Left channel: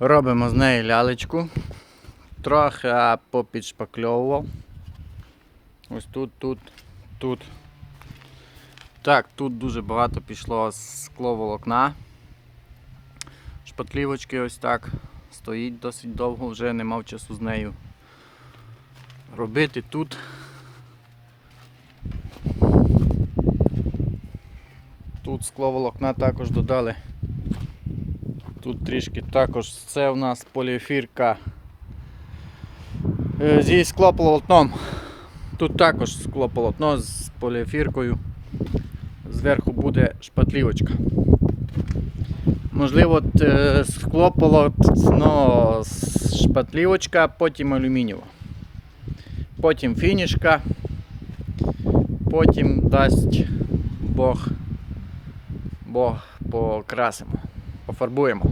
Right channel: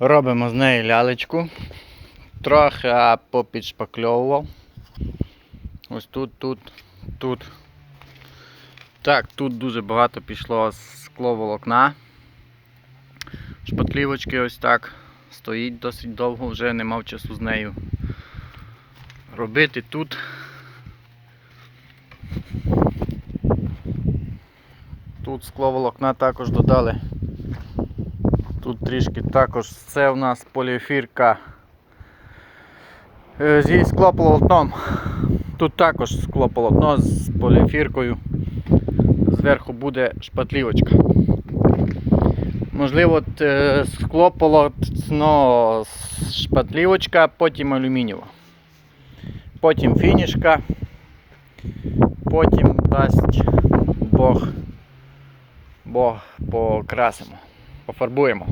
Робимо з неї лялечку. Трохи попідшпакльовував. Ось тут, тут, тут. Так, тут дуже багато пішло скловолокна. Шпатлівочки ось так. Стоїть досить довго, вже не мав часу з нею робити тут. Тут скловолокна також додали. Тут трішки також це у нас поліефірка е, зі склополотном. Тут також склополотно з поліефіркою. Зверху буде шпатлівочка. Можливо, е, склополотно шпатлівочка, потім алюмінієва. Потім фінішка. Потім дасть Бог. Бог покрасимо, пофарбуємо.